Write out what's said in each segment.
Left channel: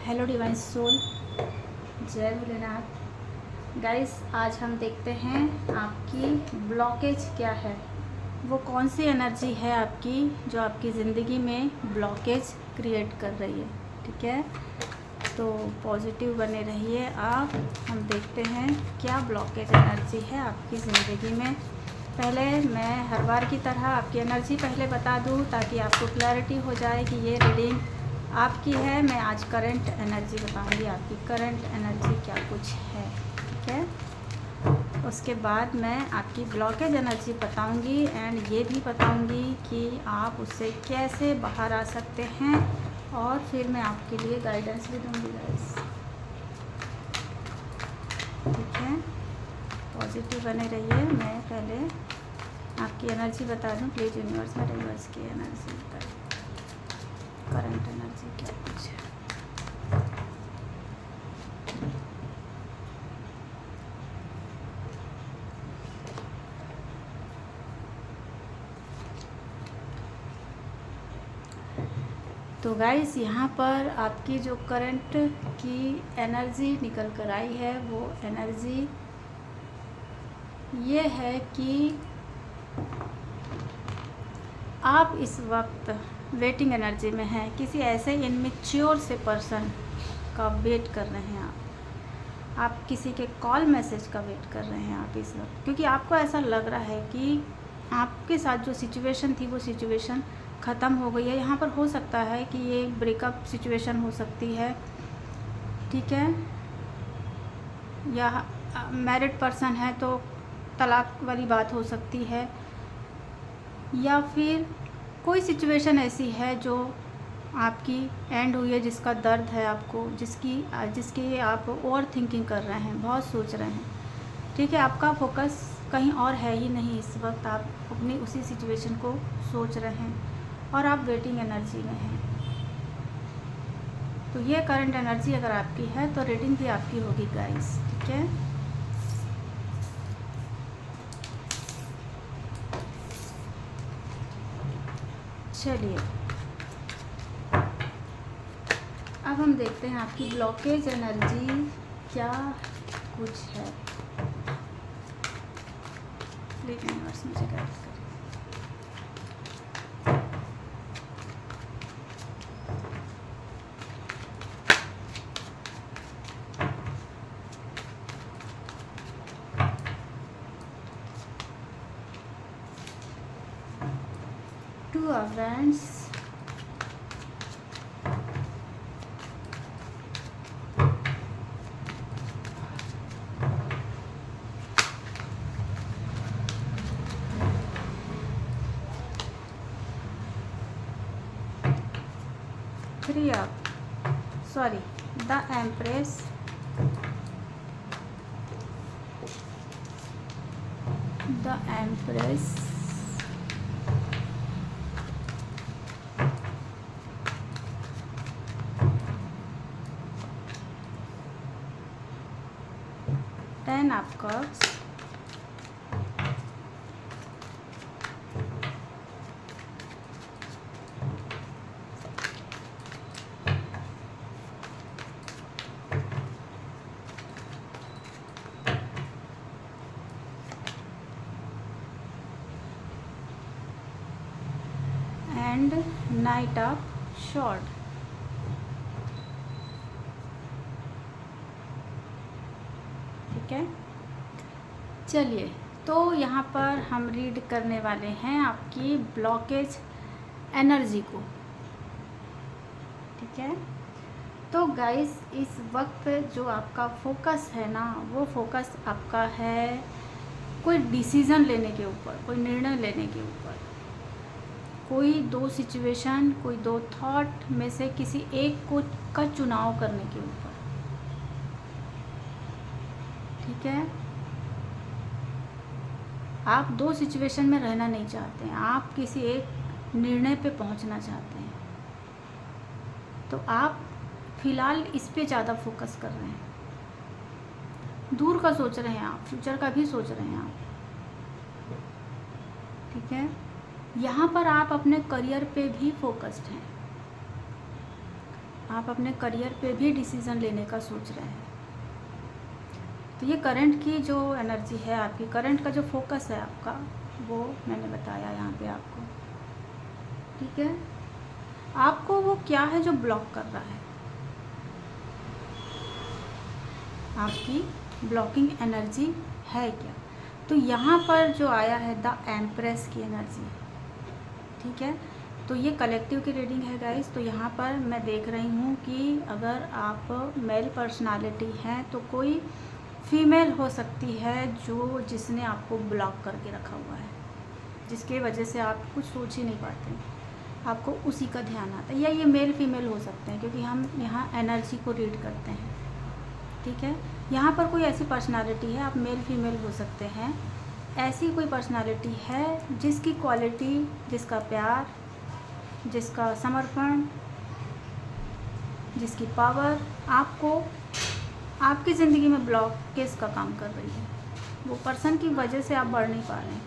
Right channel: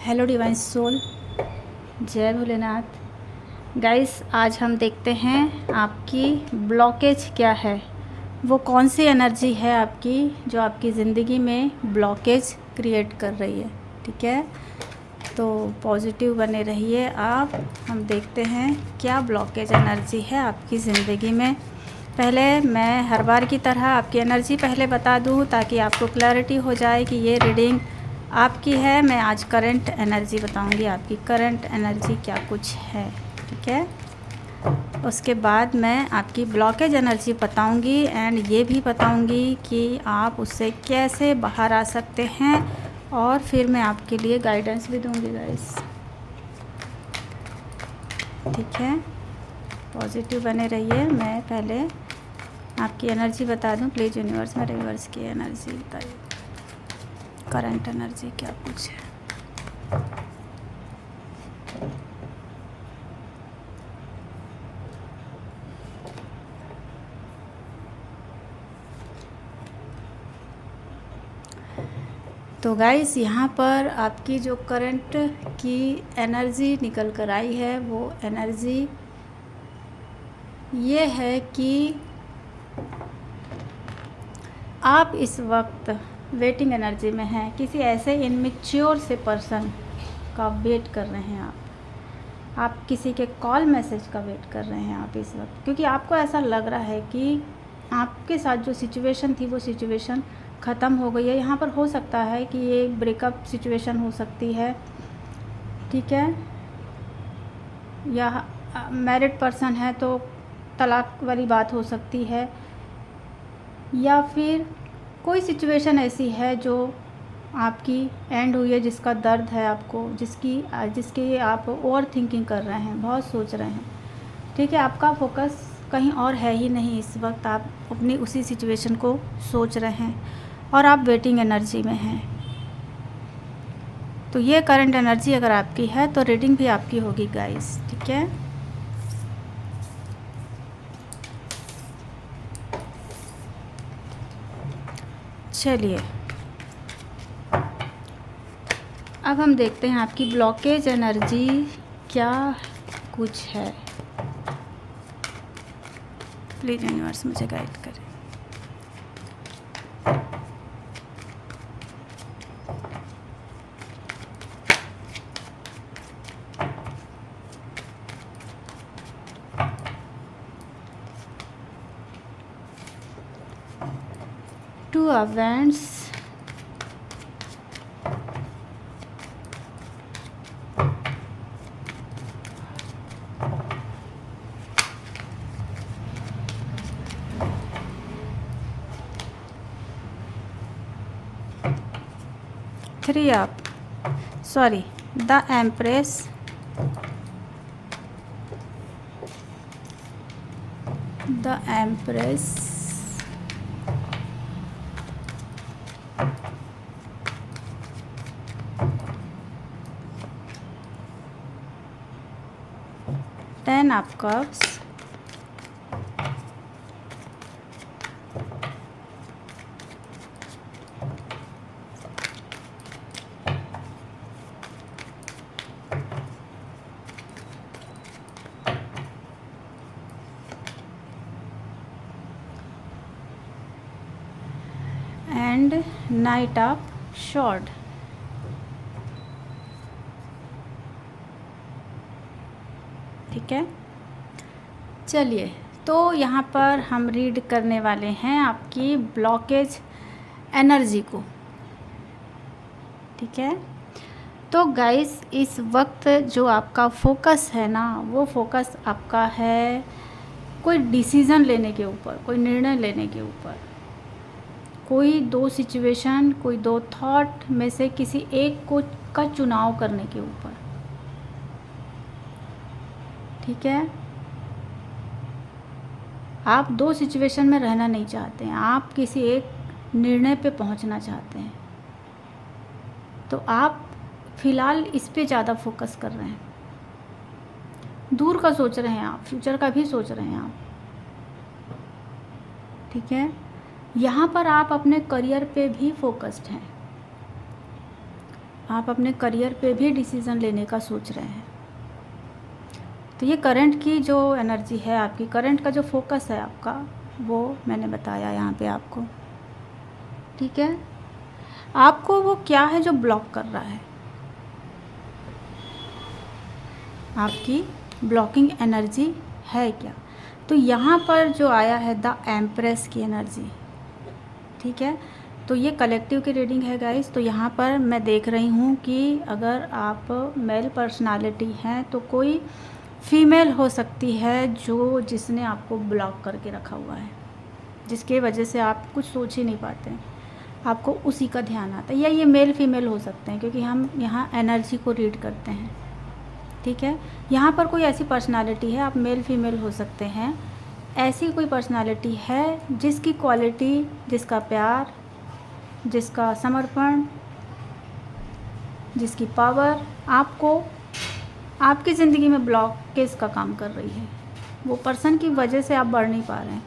Hello divine soul, जय Bholenath. Guys, आज हम देखते हैं आपकी ब्लॉकेज क्या है, वो कौन सी एनर्जी है आपकी जो आपकी ज़िंदगी में ब्लॉकेज क्रिएट कर रही है। ठीक है, तो पॉजिटिव बने रहिए आप। हम देखते हैं क्या ब्लॉकेज एनर्जी है आपकी ज़िंदगी में। पहले मैं हर बार की तरह आपकी एनर्जी पहले बता दूं ताकि आपको क्लैरिटी हो जाए कि ये रीडिंग आपकी है। मैं आज करंट एनर्जी बताऊंगी, आपकी करंट एनर्जी क्या कुछ है। ठीक है, उसके बाद मैं आपकी ब्लॉकेज एनर्जी बताऊंगी एंड ये भी बताऊंगी कि आप उससे कैसे बाहर आ सकते हैं, और फिर मैं आपके लिए गाइडेंस भी दूंगी गाइस। ठीक है, पॉजिटिव बने रहिए। मैं पहले आपकी एनर्जी बता दूं। प्लीज़ यूनिवर्स में रिवर्स की एनर्जी बताइए, करंट एनर्जी क्या कुछ है। तो गाइस, यहाँ पर आपकी जो करंट की एनर्जी निकल कर आई है वो एनर्जी ये है कि आप इस वक्त वेटिंग एनर्जी में हैं। किसी ऐसे इनमेच्योर से पर्सन का वेट कर रहे हैं आप किसी के कॉल मैसेज का वेट कर रहे हैं आप इस वक्त, क्योंकि आपको ऐसा लग रहा है कि आपके साथ जो सिचुएशन थी वो सिचुएशन ख़त्म हो गई है। यहाँ पर हो सकता है कि ये ब्रेकअप सिचुएशन हो सकती है, ठीक है, या मैरिड पर्सन है तो तलाक वाली बात हो सकती है, या फिर कोई सिचुएशन ऐसी है जो आपकी एंड हुई है, जिसका दर्द है आपको, जिसकी आप ओवर थिंकिंग कर रहे हैं, बहुत सोच रहे हैं। ठीक है, आपका फोकस कहीं और है ही नहीं इस वक्त, आप अपनी उसी सिचुएशन को सोच रहे हैं और आप वेटिंग एनर्जी में हैं। तो ये करंट एनर्जी अगर आपकी है तो रीडिंग भी आपकी होगी गाइस। ठीक है, चलिए अब हम देखते हैं आपकी ब्लॉकेज एनर्जी क्या कुछ है। प्लीज़ यूनिवर्स मुझे गाइड करें। Two events, three of sorry the empress, the empress, ten of cups, and knight of swords. ठीक है, चलिए तो यहाँ पर हम रीड करने वाले हैं आपकी ब्लॉकेज एनर्जी को। ठीक है, तो गाइस इस वक्त जो आपका फोकस है ना, वो फोकस आपका है कोई डिसीज़न लेने के ऊपर, कोई निर्णय लेने के ऊपर, कोई दो सिचुएशन, कोई दो थॉट में से किसी एक को का चुनाव करने के ऊपर। ठीक है, आप दो सिचुएशन में रहना नहीं चाहते हैं, आप किसी एक निर्णय पे पहुंचना चाहते हैं। तो आप फ़िलहाल इस पे ज़्यादा फोकस कर रहे हैं, दूर का सोच रहे हैं आप, फ्यूचर का भी सोच रहे हैं आप। ठीक है, यहाँ पर आप अपने करियर पे भी फोकस्ड हैं, आप अपने करियर पे भी डिसीज़न लेने का सोच रहे हैं। तो ये करंट की जो एनर्जी है आपकी, करंट का जो फोकस है आपका, वो मैंने बताया यहाँ पे आपको। ठीक है, आपको वो क्या है जो ब्लॉक कर रहा है, आपकी ब्लॉकिंग एनर्जी है क्या। तो यहाँ पर जो आया है द एम्प्रेस की एनर्जी। ठीक है, तो ये कलेक्टिव की रीडिंग है गाइस। तो यहाँ पर मैं देख रही हूँ कि अगर आप मेल पर्सनालिटी हैं तो कोई फीमेल हो सकती है जिसने आपको ब्लॉक करके रखा हुआ है, जिसके वजह से आप कुछ सोच ही नहीं पाते हैं, आपको उसी का ध्यान आता है। या ये मेल फीमेल हो सकते हैं, क्योंकि हम यहाँ एनर्जी को रीड करते हैं। ठीक है, यहाँ पर कोई ऐसी पर्सनालिटी है, आप मेल फीमेल हो सकते हैं, ऐसी कोई पर्सनालिटी है जिसकी क्वालिटी, जिसका प्यार, जिसका समर्पण, जिसकी पावर आपको आपकी ज़िंदगी में ब्लॉकेज का काम कर रही है। वो पर्सन की वजह से आप बढ़ नहीं पा रहे हैं।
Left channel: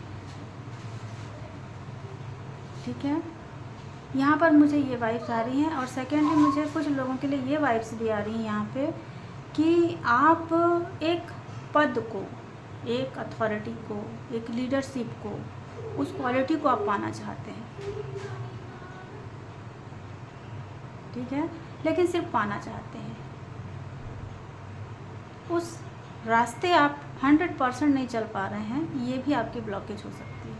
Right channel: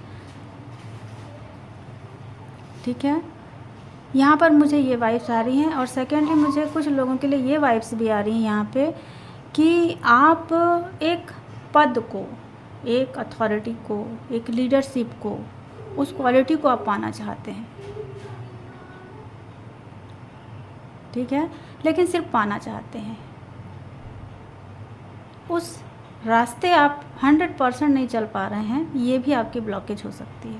ठीक है, यहाँ पर मुझे ये वाइब्स आ रही हैं। और सेकेंडली मुझे कुछ लोगों के लिए ये वाइब्स भी आ रही हैं यहाँ पे कि आप एक पद को, एक अथॉरिटी को, एक लीडरशिप को, उस क्वालिटी को आप पाना चाहते हैं। ठीक है, लेकिन सिर्फ पाना चाहते हैं, उस रास्ते आप 100% नहीं चल पा रहे हैं। ये भी आपकी ब्लॉकेज हो सकती है।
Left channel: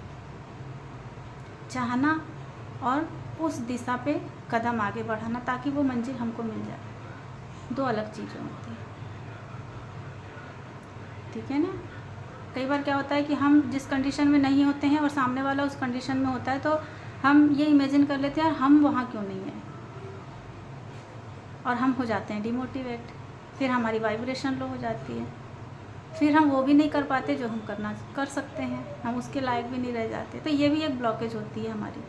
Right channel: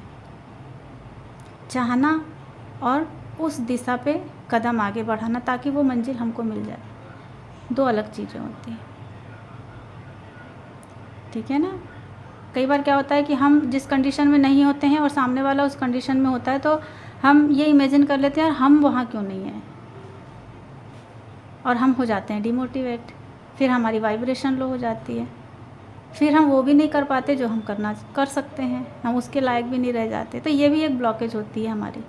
चाहना और उस दिशा पे कदम आगे बढ़ाना ताकि वो मंजिल हमको मिल जाए, दो अलग चीज़ें होती हैं। ठीक है ना, कई बार क्या होता है कि हम जिस कंडीशन में नहीं होते हैं और सामने वाला उस कंडीशन में होता है, तो हम ये इमेजिन कर लेते हैं हम वहाँ क्यों नहीं हैं, और हम हो जाते हैं डिमोटिवेट। फिर हमारी वाइब्रेशन लो हो जाती है, फिर हम वो भी नहीं कर पाते जो हम कर सकते हैं, हम उसके लायक भी नहीं रह जाते। तो ये भी एक ब्लॉकेज होती है हमारी।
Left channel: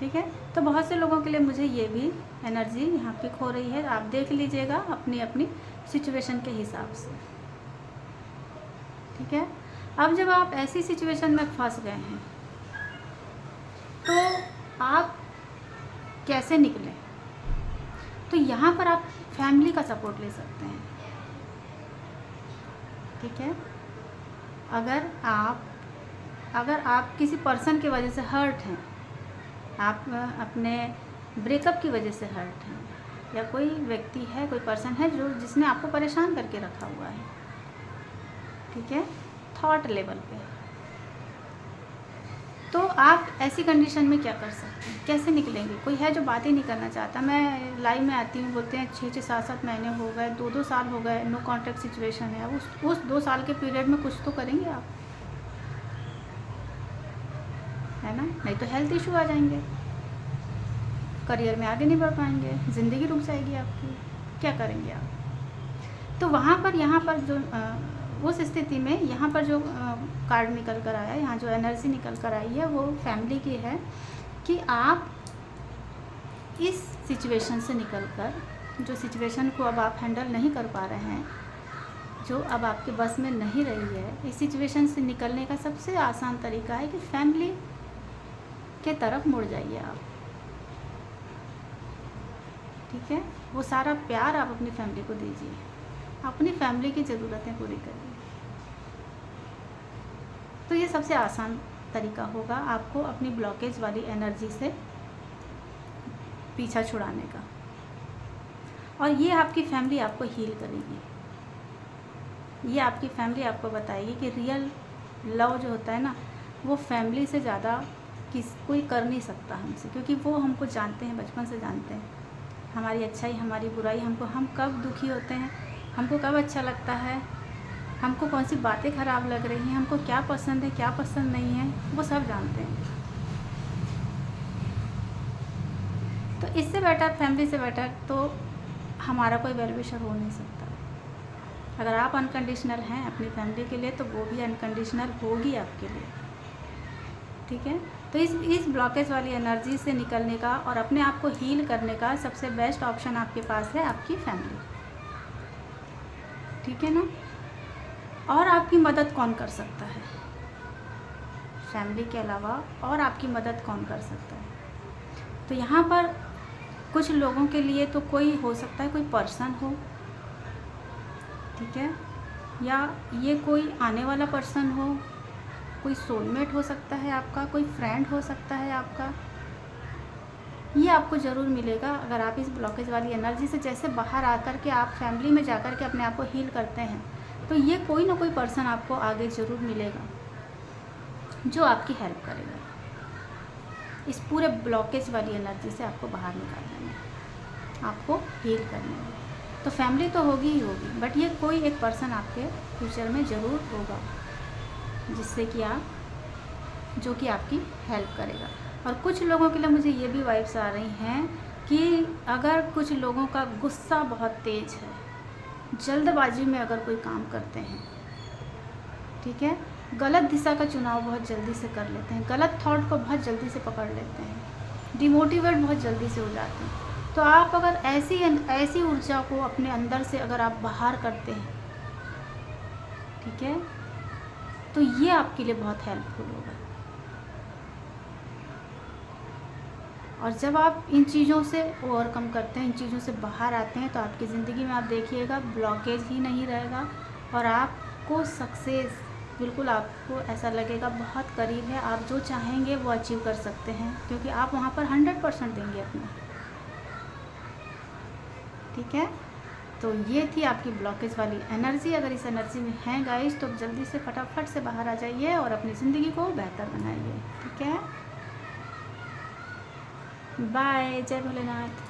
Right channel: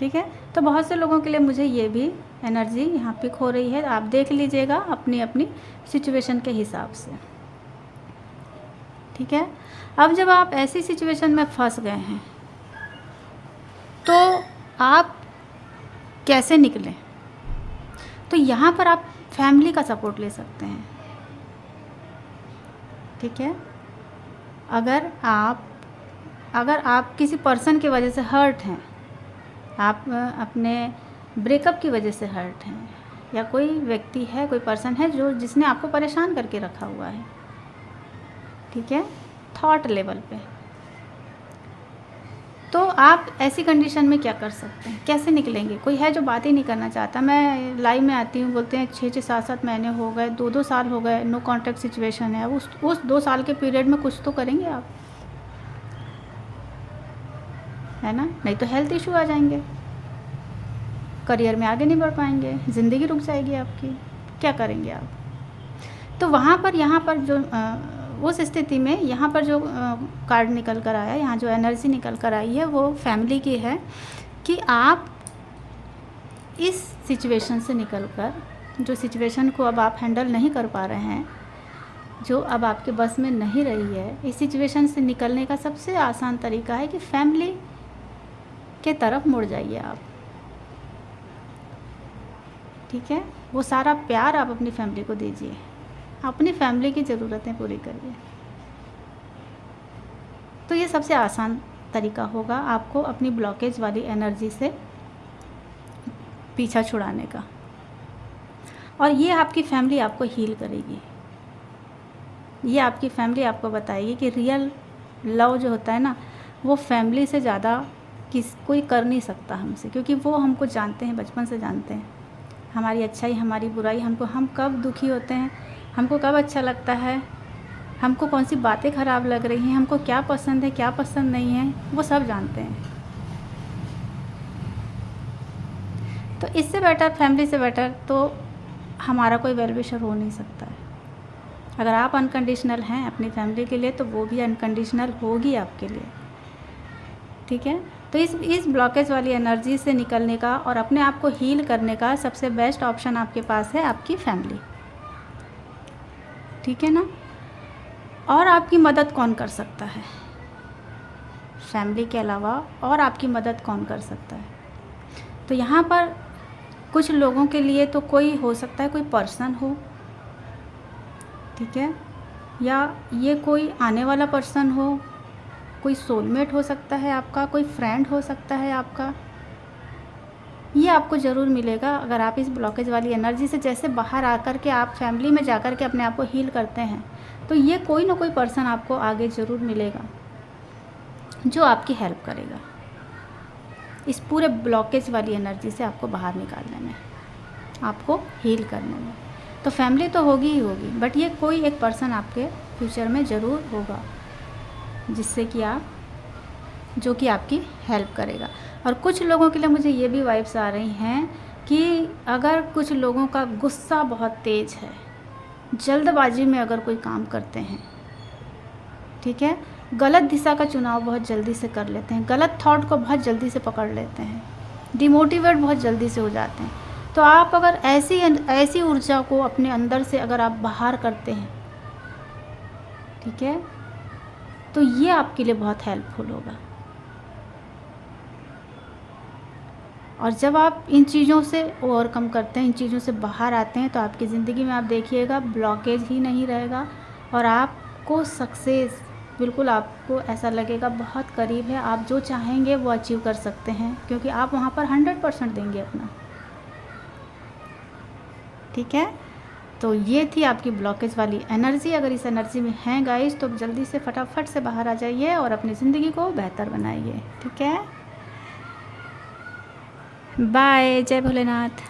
ठीक है, तो बहुत से लोगों के लिए मुझे ये भी एनर्जी यहाँ पिक हो रही है। आप देख लीजिएगा अपनी अपनी सिचुएशन के हिसाब से। ठीक है, अब जब आप ऐसी सिचुएशन में फंस गए हैं तो आप कैसे निकलें। तो यहाँ पर आप फैमिली का सपोर्ट ले सकते हैं। ठीक है, अगर आप किसी पर्सन की वजह से हर्ट हैं, आप अपने ब्रेकअप की वजह से हर्ट हैं, या कोई व्यक्ति है, कोई पर्सन है जिसने आपको परेशान करके रखा हुआ है। ठीक है, थॉट लेवल पे, तो आप ऐसी कंडीशन में क्या कर सकते हैं, कैसे निकलेंगे। कोई है जो बात ही नहीं करना चाहता। मैं लाइव में आती हूँ, बोलते हैं 6-6, 7-7 महीने हो गए, 2-2 साल हो गए, नो कॉन्टैक्ट सिचुएशन है। उस 2 साल के पीरियड में कुछ तो करेंगे आप, है ना, नहीं तो हेल्थ इशू आ जाएंगे, करियर में आगे नहीं बढ़ पाएंगे, ज़िंदगी रुक जाएगी आपकी, क्या करेंगे आप। तो वहाँ पर यहाँ पर जो उस स्थिति में यहाँ पर जो कार्ड निकल कर आया, यहाँ जो एनर्जी निकल कर आई है वो फैमिली की है कि आप इस सिचुएशन से निकल कर, जो सिचुएशन को अब आप हैंडल नहीं कर पा रहे हैं, जो अब आपके बस में नहीं रही है, इस सिचुएशन से निकलने का सबसे आसान तरीका है कि फैमिली के तरफ मुड़ जाइए आप। ठीक है, वो सारा प्यार आप अपनी फैमिली को दीजिए, अपनी फैमिली की ज़रूरतें पूरी करिए। तो ये सबसे आसान तरीका होगा आपको अपनी ब्लॉकेज वाली एनर्जी से पीछा छुड़ाने का, और ये आपकी फैमिली आपको हील करेगी। ये आपकी फैमिली आपको बताएगी कि रियल लव जो होता है ना, वो फैमिली से ज़्यादा कोई कर नहीं सकता हमसे, क्योंकि वो हमको जानते हैं, बचपन से जानते हैं, हमारी अच्छाई, हमारी बुराई, हम कब दुखी होते हैं, हमको कब अच्छा लगता है, हमको कौन सी बातें ख़राब लग रही हैं, हमको क्या पसंद है, क्या पसंद नहीं है, वो सब जानते हैं। तो इससे बेटर, फैमिली से बेटर तो हमारा कोई वेल विशर हो नहीं सकता है। अगर आप अनकंडीशनल हैं अपनी फैमिली के लिए, तो वो भी अनकंडीशनल होगी आपके लिए। ठीक है, तो इस ब्लॉकेज वाली एनर्जी से निकलने का और अपने आप को हील करने का सबसे बेस्ट ऑप्शन आपके पास है आपकी फैमिली। ठीक है ना, और आपकी मदद कौन कर सकता है फैमिली के अलावा, और आपकी मदद कौन कर सकता है। तो यहाँ पर कुछ लोगों के लिए तो कोई हो सकता है, कोई पर्सन हो, ठीक है, या ये कोई आने वाला पर्सन हो, कोई सोलमेट हो सकता है आपका, कोई फ्रेंड हो सकता है आपका। ये आपको ज़रूर मिलेगा अगर आप इस ब्लॉकेज वाली एनर्जी से जैसे बाहर आकर के आप फैमिली में जाकर के अपने आप को हील करते हैं, तो ये कोई ना कोई पर्सन आपको आगे ज़रूर मिलेगा जो आपकी हेल्प करेगा इस पूरे ब्लॉकेज वाली एनर्जी से आपको बाहर निकालने में, आपको हील करने में। तो फैमिली तो होगी ही होगी, बट ये कोई एक पर्सन आपके फ्यूचर में ज़रूर होगा जिससे कि आप, जो कि आपकी हेल्प करेगा। और कुछ लोगों के लिए मुझे ये भी वाइब्स आ रही हैं कि अगर कुछ लोगों का गुस्सा बहुत तेज़ है, जल्दबाजी में अगर कोई काम करते हैं, ठीक है, गलत दिशा का चुनाव बहुत जल्दी से कर लेते हैं, गलत थॉट को बहुत जल्दी से पकड़ लेते हैं, डिमोटिवेट बहुत जल्दी से हो जाते हैं, तो आप अगर ऐसी ऊर्जा को अपने अंदर से अगर आप बाहर करते हैं, ठीक है, तो ये आपके लिए बहुत हेल्पफुल होगा। और जब आप इन चीज़ों से ओवरकम करते हैं, इन चीज़ों से बाहर आते हैं, तो आपकी ज़िंदगी में आप देखिएगा ब्लॉकेज ही नहीं रहेगा और आपको सक्सेस, बिल्कुल आपको ऐसा लगेगा बहुत करीब है, आप जो चाहेंगे वो अचीव कर सकते हैं, क्योंकि आप वहाँ पर 100% देंगे अपना, ठीक है। तो ये थी आपकी ब्लॉकेज वाली एनर्जी। अगर इस एनर्जी में हैं गाइस, तो जल्दी से फटाफट से बाहर आ जाइए और अपनी ज़िंदगी को बेहतर बनाइए, ठीक है। बाय, जय भोलेनाथ।